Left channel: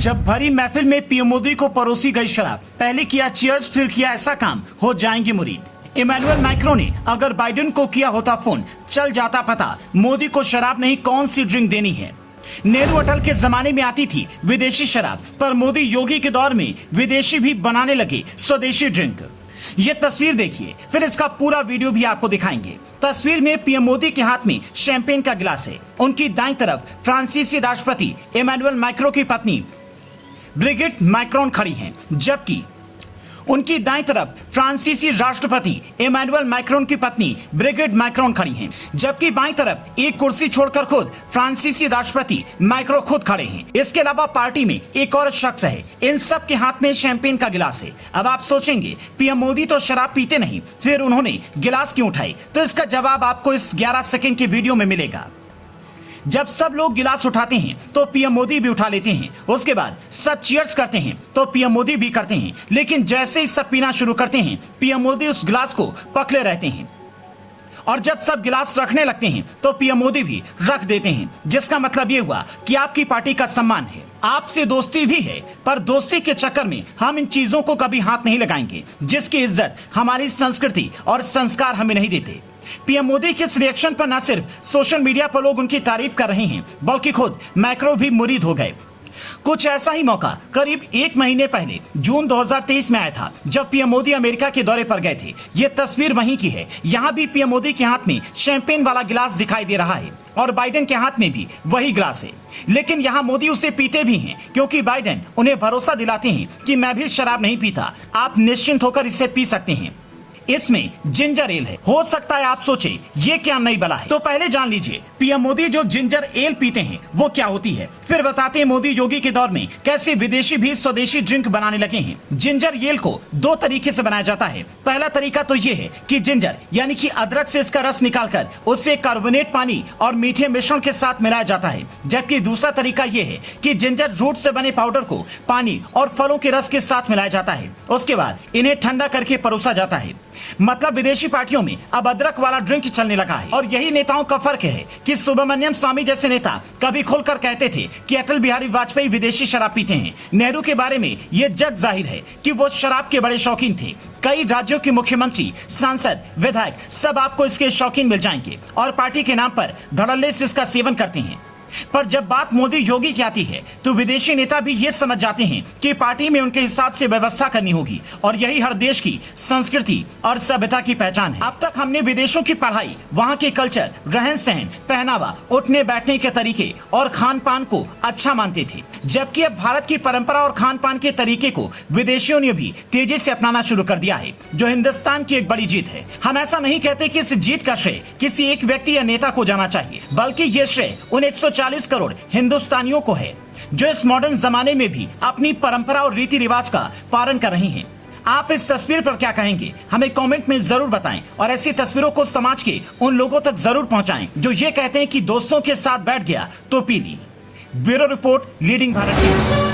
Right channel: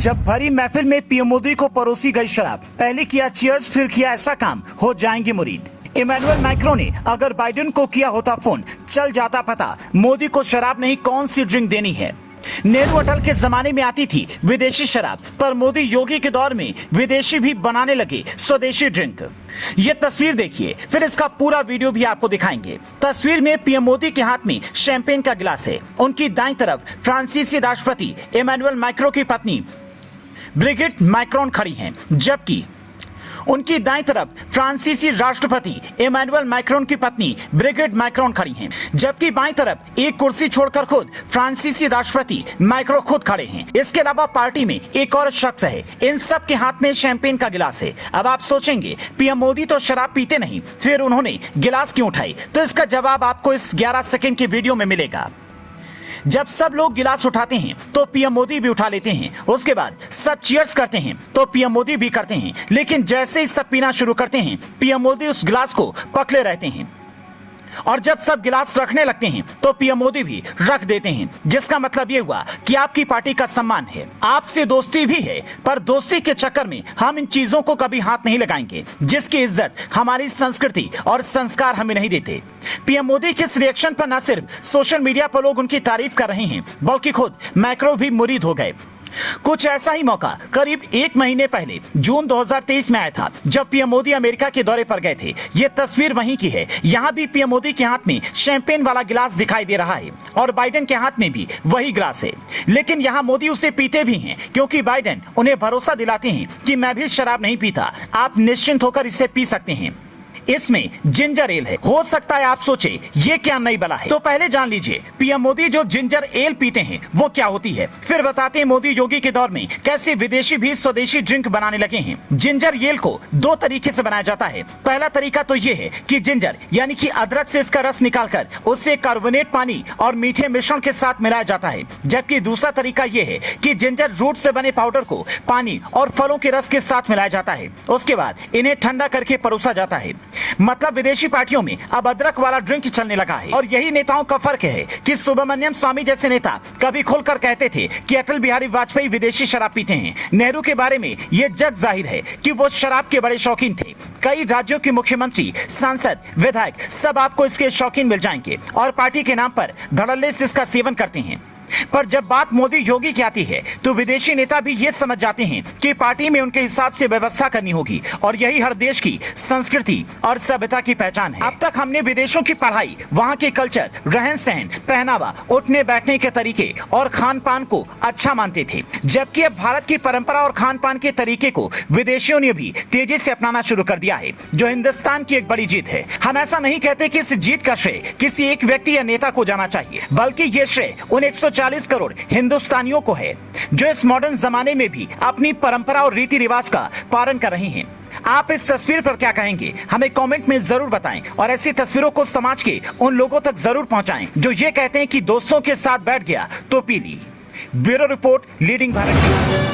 जब भरी महफिल में पीएम मोदी को परोसी गई शराब, पहले किया चीयर्स फिर किया ऐसा काम, हो जाएंगे मुरीद। इमैनुअल मैक्रों ने अगर बाइडेन को किया होता फोन, चल जाता पता मोदी को शराब नहीं कौन सी ड्रिंक देनी है। नेहरू अटल के जमाने में आती थी विदेशी शराब, पर मोदी योगी के दौर में विदेशी भी बनाने लगे स्वदेशी ड्रिंक। ये तस्वीर देखिए, फिर इसका पूरा वीडियो भी आपको दिखाएंगे। तस्वीर में पीएम मोदी के हाथ में शैंपेन का गिलास है। उनकी दाईं तरफ फ्रांसीसी राष्ट्रपति इमैनुअल मैक्रों की पत्नी ब्रिगिट मैक्रोन खड़ी हैं, जबकि उनकी दाईं तरफ फ्रांसीसी राष्ट्रपति इमैनुअल मैक्रोन की पत्नी ब्रिगिट मैक्रोन खड़ी हैं, जबकि बाईं तरफ एक कुर्सी छोड़कर खुद फ्रांसीसी राष्ट्रपति मैक्रो खुद खड़े हैं। इसके अलावा पार्टी में एक और शख्स है, इन सब के हाथ में शैंपेन का गिलास है। अब आप सोचेंगे पीएम मोदी तो शराब पीते नहीं, फिर उन्होंने गिलास क्यों उठाई? तो इसका जवाब आपको इस 11 सेकंड की वीडियो में मिलेगा। जब सब लोग गिलास उठाते हैं तो पीएम मोदी भी उठा लेते हैं, उसके बाद सब चीयर्स करते हैं तो पीएम मोदी भी करते हैं, लेकिन जैसे ही सब पीना शुरू करते हैं पीएम मोदी उस गिलास को पकड़े रहते हैं, और जब सब गिलास रखने लगते हैं तो पीएम मोदी भी रख देते हैं, जिसका मतलब ये हुआ कि आपकी पार्टी का सम्मान है, आपसे दोस्ती भी है, पर दोस्ती के चक्कर में हम इन चीजों को कभी हाथ नहीं लगाएंगे जिसकी इज्जत हमारी संस्कृति और संस्कार हमें नहीं देते। पीएम मोदी के इस रिएक्शन पर न सिर्फ सोशल मीडिया पर लोग उनकी तारीफ कर रहे हैं, बल्कि खुद मैक्रो भी मुरीद हो गए। कुछ ऐसा ही मौका करीब 1 महीने पहले जून 2023 में आया था, जब पीएम मोदी अमेरिका के दौरे पर गए थे। ये तस्वीर वहीं की है। यहाँ भी पीएम मोदी के हाथ में शैंपेन वाला गिलास दिखाई दे रहा है और बाइडेन के हाथ में भी वही गिलास है, लेकिन यहाँ मोदी उसे पीते भी हैं, क्योंकि बाइडेन उन्हें भरोसा दिलाते हैं कि मैं भी शराब नहीं पीता, आप निश्चिंत होकर इसे पी सकते हैं। इसमें जिंजर एल है। हो सकता है आप सोचे ये क्या नई बला है, तो पहले जान लीजिए पीएम मोदी जो जिंजर एल पीते हैं वो क्या होती है, फिर बताते हैं मोदी योगी के दौर में कैसे विदेशी भी स्वदेशी ड्रिंक बनाने लगे हैं। जिंजर एल को 2 तरीके से बनाया जाता है। पहला तरीका तो ये है कि जिंजर यानी कि अदरक से इसका रस निकालकर उससे कार्बोनेट पानी और मीठे मिश्रण के साथ मिलाया जाता है, जबकि दूसरा तरीका ये है कि जिंजर रूट से बने पाउडर को पानी और फलों के रस के साथ मिलाया जाता है। उसके बाद इन्हें ठंडा करके परोसा जाता है। मतलब विदेशी पार्टियों में अब अदरक वाला ड्रिंक चलने लगा है, और यही नेताओं का फर्क है कि सुब्रमण्यम स्वामी जैसे नेता कभी खुलकर कहते थे कि अटल बिहारी वाजपेयी विदेशी शराब पीते हैं। नेहरू के बारे में यह जग जाहिर है कि वो शराब के बड़े शौकीन थे। कई राज्यों के मुख्यमंत्री, सांसद, विधायक सब आपको इसके शौकीन मिल जाएंगे और पार्टी के नाम पर धड़ल्ले से इसका सेवन करते हैं। पर जब बात मोदी योगी की आती है तो विदेशी नेता भी ये समझ जाते हैं कि पार्टी में उनके हिसाब से व्यवस्था करनी होगी, और यही हर देश की संस्कृति और सभ्यता की पहचान है। अब तक हमने विदेशों की पढ़ाई, वहाँ के कल्चर, रहन सहन, पहनावा, उठने बैठने के तरीके और खान पान को अच्छा मानते थे, जबकि अब भारत की परंपरा और खान पान के तरीके को विदेशियों ने भी तेजी से अपनाना शुरू कर दिया है, जो हिंदुस्तान की एक बड़ी जीत है। हम ऐसा नहीं कहते कि इस जीत का श्रेय किसी एक व्यक्ति या नेता को जाना चाहिए, बल्कि ये श्रेय उन 140 करोड़ हिंदुस्तानियों को है जो इस मॉडर्न जमाने में भी अपनी परंपरा और रीति रिवाज का पालन कर रहे हैं। आप इस तस्वीर पर क्या कहेंगे, हमें कमेंट में जरूर बताएं, और ऐसी तस्वीरों को समाज के उन लोगों तक जरूर पहुंचाएं जो ये कहते हैं कि दोस्तों के साथ बैठ गया तो पी ली। Bureau report, leading Bharat TV.